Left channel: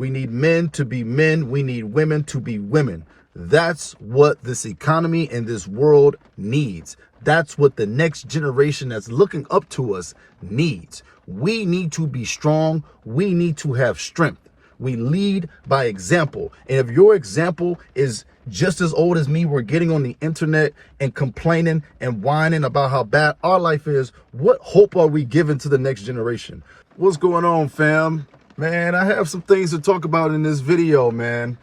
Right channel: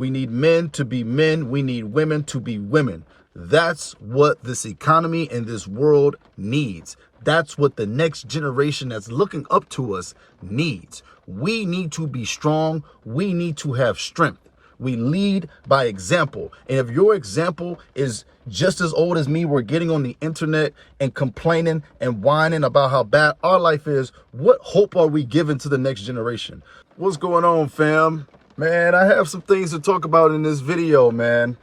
We need men to be men. We need women to be women. That's what this economy and this world needs. That's what the next generation that's looking up to us needs. We need to be strong. We need to have strength. We lead by example. And if your example is just as old as me, we're getting on the internet and complaining and whining about how bad our life is, what hope are we giving to the next generation? What's going on, fam? Man, I have some things to talk about in this video, man.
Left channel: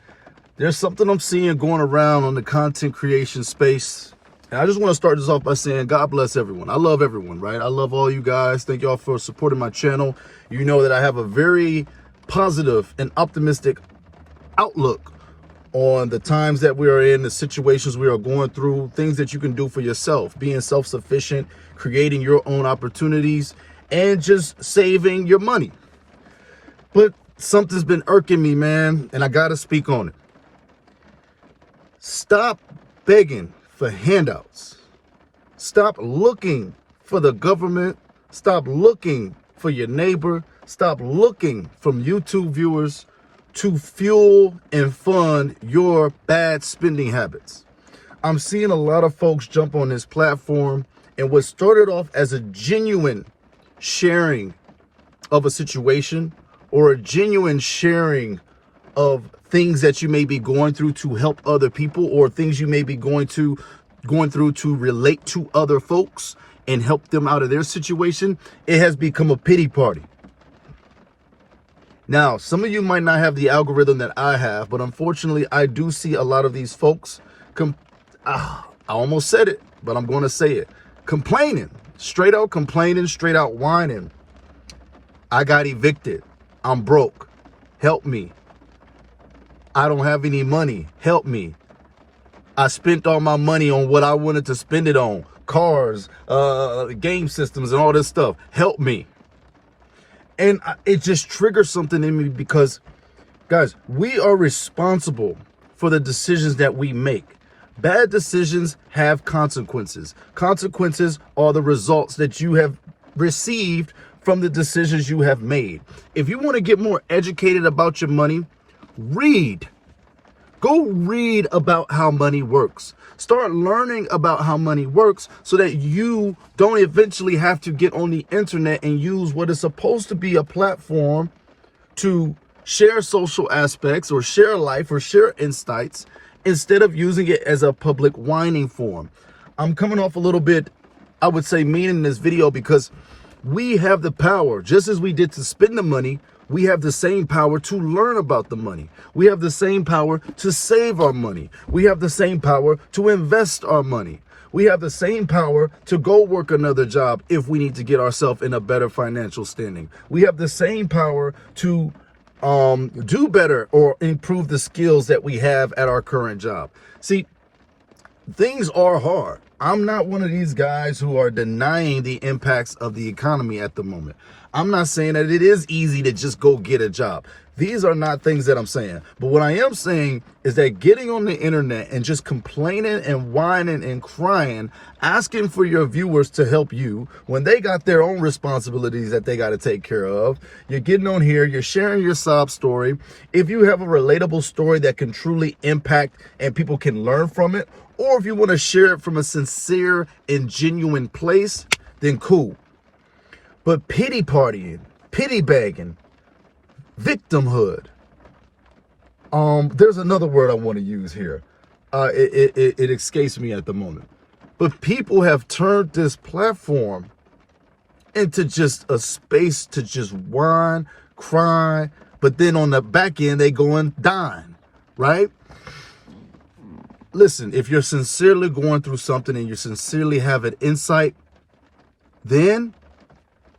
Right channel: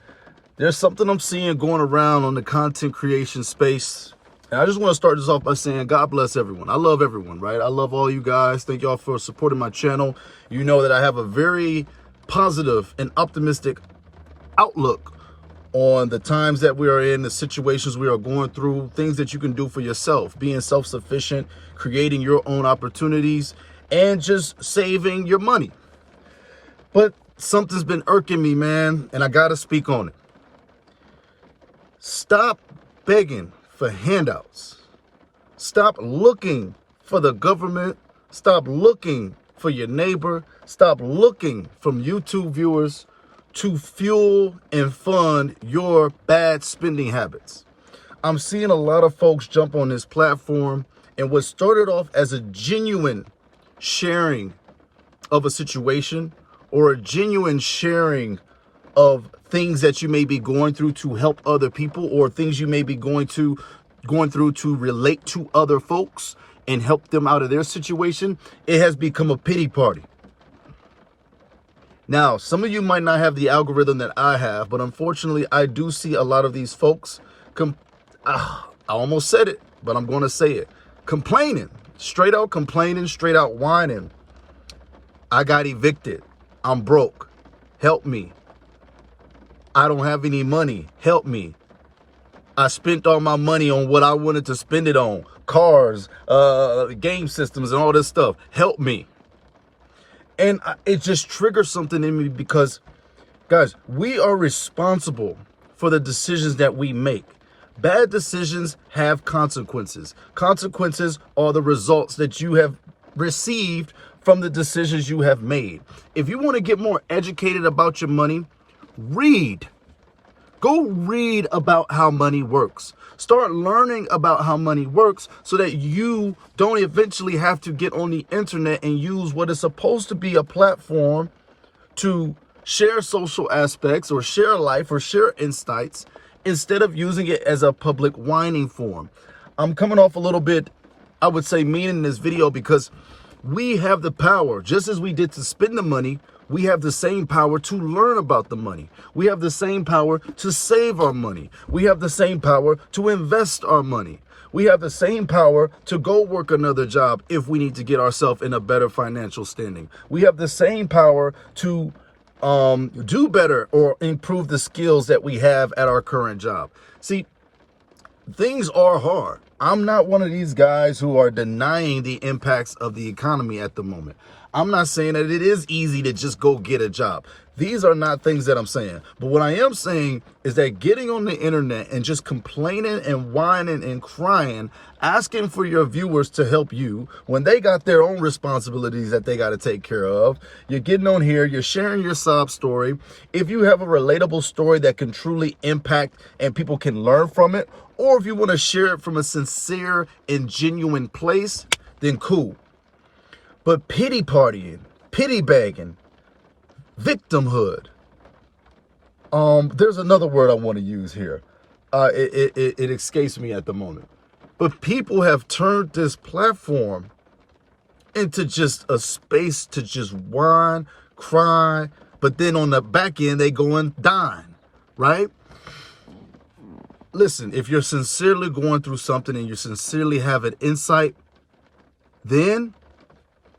There's something I'm seeing going around on the content creation space. And I just want to start this off by saying God bless everyone. I love everyone, right? I love all you guys. Thank y'all for supporting my channel. You know that I have a very positive and optimistic outlook on the times that we are in, the situations we are going through, things that you can do for yourself, being self-sufficient, creating your own opportunities, and just saving your money. But something's been irking me, man, and I got to speak on it. Stop begging for handouts. Stop looking for the government. Stop looking for your neighbor. Stop looking from YouTube viewers to fuel and fund your bad spending habits. I'm seeing a lot of folks jump on this platform, and what started off as a genuine sharing of a situation or a genuine sharing of things that you may be going through to help other people, or things you may be going through to relate to other folks and help them out of their situation, it has become a pity party. Now, some of you might not have the algorithm that I have, but unfortunately, I do see a lot of these folks, I almost said it, but I'm going to say it, complaining, straight out whining. I got evicted. I'm broke. Help me. I don't have any money. Help me. I spent all my money on what I wanted to spend it on. Cars, game systems, and all this stuff. Help me. And it just triggers something in me because, guys, we are responsible for the decisions that we make. Bad decisions have consequences. Consequences are the results that you have received from the decisions you have made. If you want to get more educated about your money, read. Go read about how money works. Start learning about how money works so that you don't eventually have to get on the internet and use what is supposed to be a platform to share social aspects or share life or share insights instead of using it as a public whining forum. I'm coming off a little bit, I would say, mean in this video because we have the power, just as we did to spend the money, we have the same power to learn about the money. We have the same power to save our money. We have the same power to invest our money. We have the same power to go work another job if we need to get ourselves in a better financial standing. We have the same power to do better or improve the skills that we have at our current job. See, things are hard. I'm not one of these guys who are denying the impacts of the economy at the moment. I'm not saying that it is easy to just go get a job. These are not things that I'm saying. But what I am saying is that getting on the internet and just complaining and whining and crying, asking for your viewers to help you when they got their own responsibilities that they got to take care of. You're getting on here, you're sharing your sob story. If you have a relatable story that can truly impact and people can learn from it, or if you want to share it from a sincere and genuine place, then cool. But pity partying, pity bagging, victimhood. There's another word I want to use here. It escapes me at the moment. But people have turned this platform into just a space to just whine, cry, but then on the back end, they go and dine, right? Listen, if you're sincerely going through something and you sincerely have an insight, then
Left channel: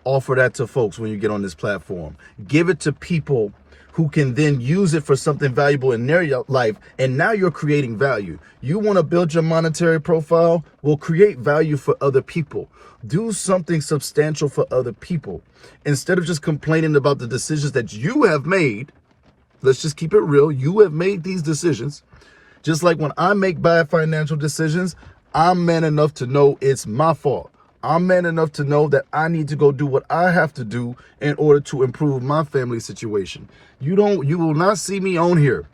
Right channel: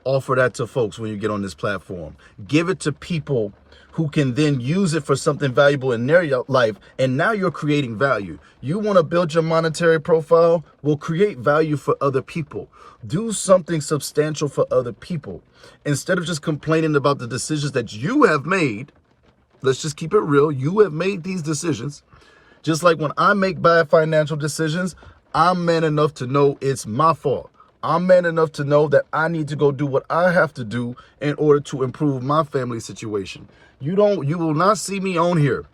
offer that to folks when you get on this platform. Give it to people who can then use it for something valuable in their life, and now you're creating value. You want to build your monetary profile? Well, create value for other people. Do something substantial for other people. Instead of just complaining about the decisions that you have made, let's just keep it real. You have made these decisions. Just like when I make bad financial decisions, I'm man enough to know it's my fault. I'm man enough to know that I need to go do what I have to do in order to improve my family situation. You will not see me on here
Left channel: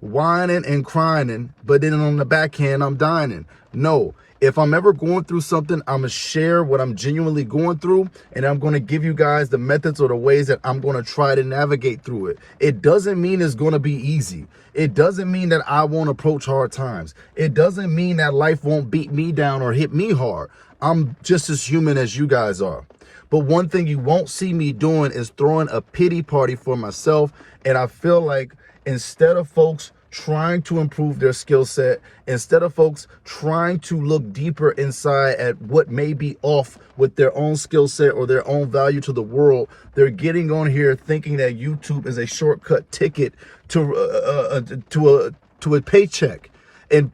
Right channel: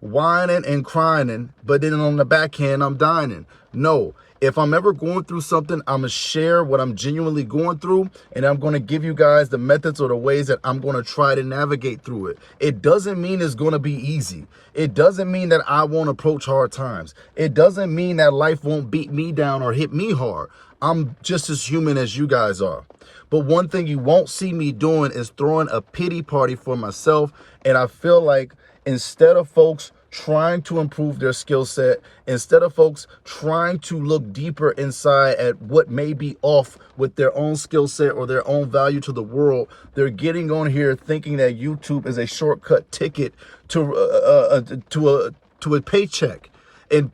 whining and crying, but then on the back end, I'm dining. No, if I'm ever going through something, I'm going to share what I'm genuinely going through, and I'm going to give you guys the methods or the ways that I'm going to try to navigate through it. It doesn't mean it's going to be easy. It doesn't mean that I won't approach hard times. It doesn't mean that life won't beat me down or hit me hard. I'm just as human as you guys are. But one thing you won't see me doing is throwing a pity party for myself. And I feel like instead of folks trying to improve their skill set, instead of folks trying to look deeper inside at what may be off with their own skill set or their own value to the world, they're getting on here thinking that YouTube is a shortcut ticket to a paycheck. And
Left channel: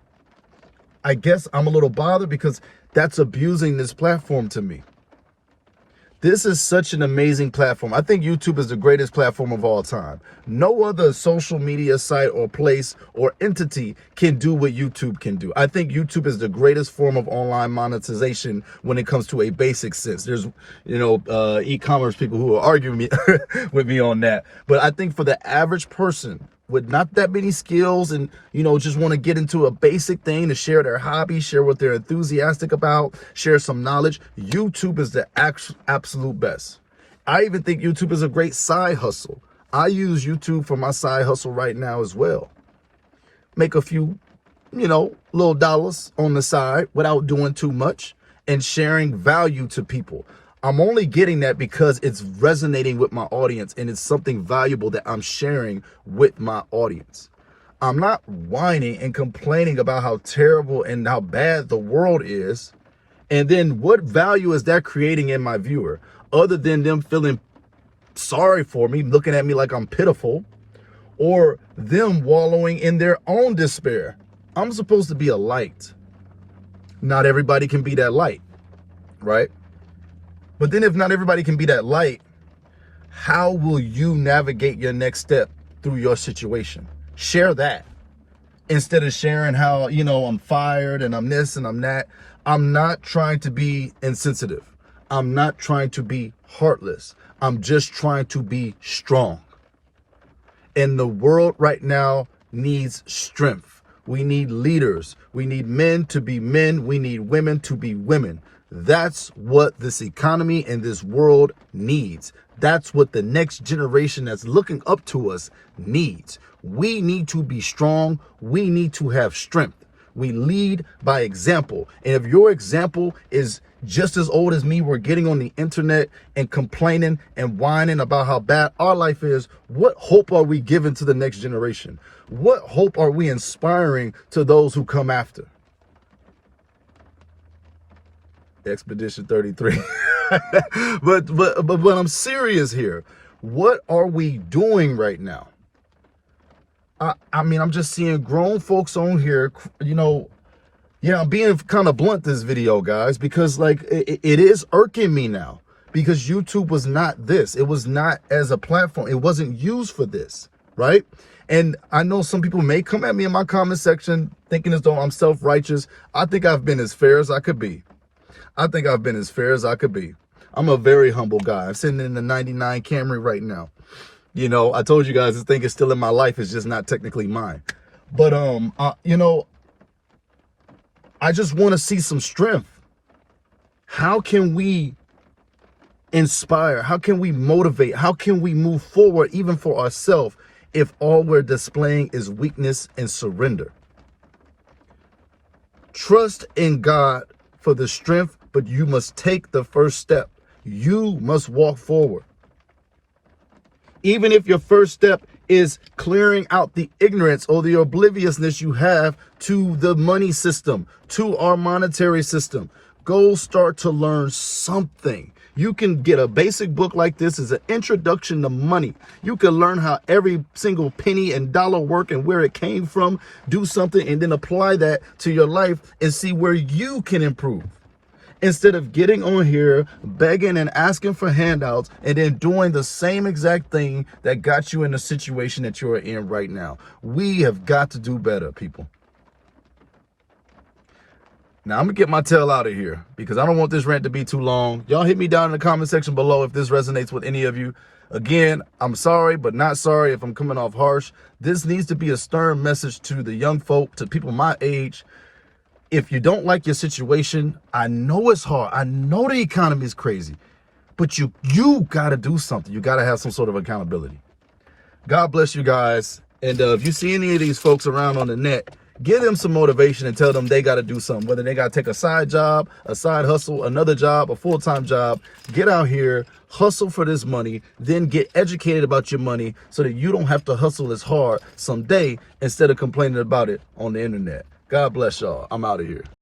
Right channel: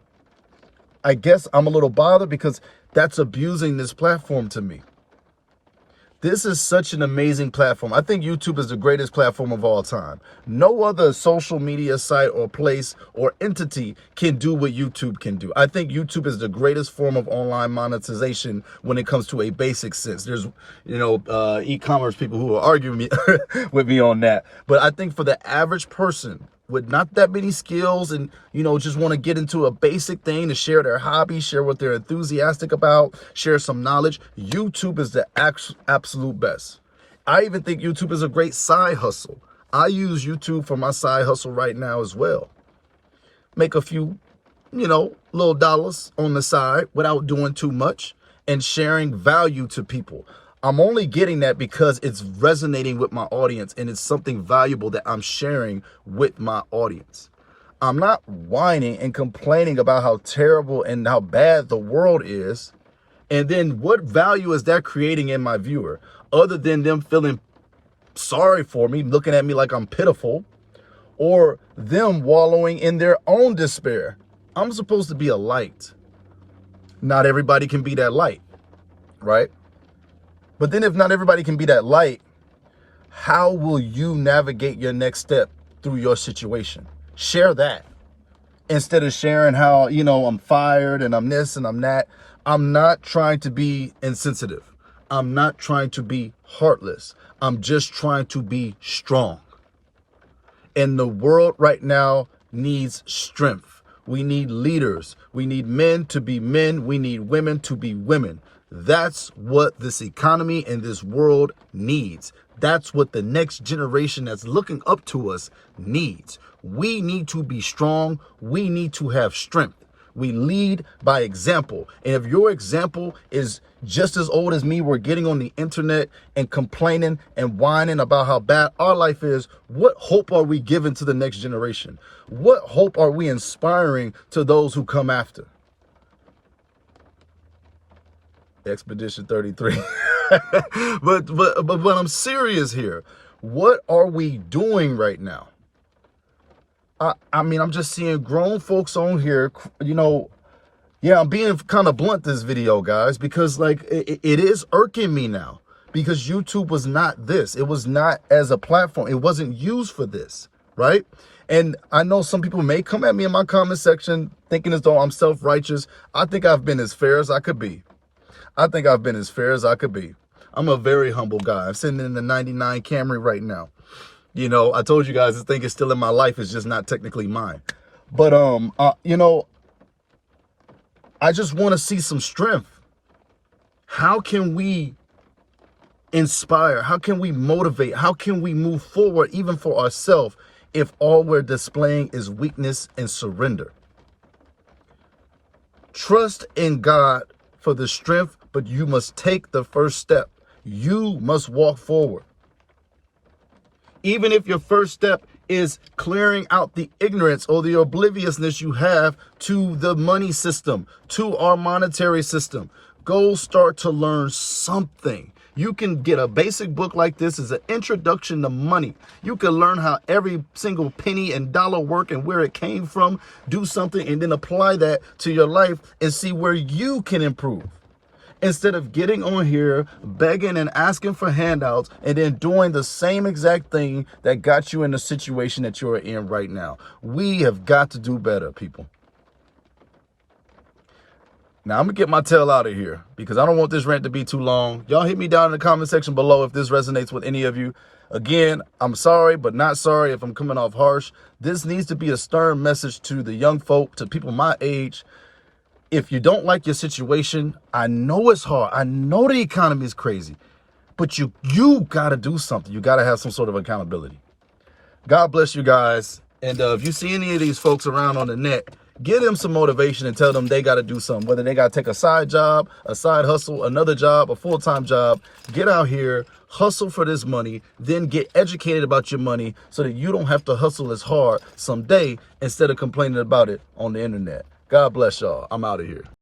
I guess I'm a little bothered because that's abusing this platform to me. This is such an amazing platform. I think YouTube is the greatest platform of all time. No other social media site or place or entity can do what YouTube can do. I think YouTube is the greatest form of online monetization when it comes to a basic sense. There's, e-commerce people who will argue with me on that. But I think for the average person with not that many skills and, just want to get into a basic thing to share their hobby, share what they're enthusiastic about, share some knowledge, YouTube is the absolute best. I even think YouTube is a great side hustle. I use YouTube for my side hustle right now as well. Make a few, little dollars on the side without doing too much and sharing value to people. I'm only getting that because it's resonating with my audience and it's something valuable that I'm sharing with my audience. I'm not whining and complaining about how terrible and how bad the world is. And then what value is that creating in my viewer other than them feeling sorry for me, looking at me like I'm pitiful, or them wallowing in their own despair? I'm supposed to be a light. Not everybody can be that light, right? But then if not everybody can be that light, how will you navigate your next step through your situation? Share that instead of sharing how, I'm fired and I'm this and I'm that. I'm not trying to be insensitive. I'm not trying to be heartless. I'm just trying to be strong. And the world right now needs strength. We need leaders. We need men to be men. We need women to be women. That's what this economy and this world needs. That's what the next generation that's looking up to us needs. We need to be strong. We need to have strength. We lead by example. And if your example is just as old as me, we're getting on the internet and complaining and whining about how bad our life is, what hope are we giving to the next generation? What hope are we inspiring to those who come after? Expedition 33. but I'm serious here. What are we doing right now? I'm just seeing grown folks on here, yeah, I'm being kind of blunt this video, guys, because it is irking me now because YouTube was not this. It was not as a platform. It wasn't used for this, right? And I know some people may come at me in my comment section thinking as though I'm self-righteous. I think I've been as fair as I could be. I'm a very humble guy. I'm sitting in the 99 Camry right now. I told you guys this thing is still in my life. It's just not technically mine. But, I just want to see some strength. How can we inspire? How can we motivate? How can we move forward even for ourselves if all we're displaying is weakness and surrender? Trust in God for the strength, but you must take the first step. You must walk forward. Even if your first step is clearing out the ignorance or the obliviousness you have to the money system, to our monetary system, go start to learn something. You can get a basic book like this as an introduction to money. You can learn how every single penny and dollar work and where it came from, do something, and then apply that to your life and see where you can improve. Instead of getting on here, begging and asking for handouts, and then doing the same exact thing that got you in the situation that you're in right now. We have got to do better, people. Now, I'm going to get my tail out of here because I don't want this rant to be too long. Y'all hit me down in the comment section below if this resonates with any of you. Again, I'm sorry, but not sorry if I'm coming off harsh. This needs to be a stern message to the young folk, to people my age. If you don't like your situation, I know it's hard. I know the economy is crazy, but you got to do something. You got to have some sort of accountability. God bless you guys. And if you see any of these folks around on the net, give them some motivation and tell them they got to do something, whether they got to take a side job, a side hustle, another job, a full-time job. Get out here, hustle for this money, then get educated about your money so that you don't have to hustle as hard someday instead of complaining about it on the internet. God bless y'all. I'm out of here.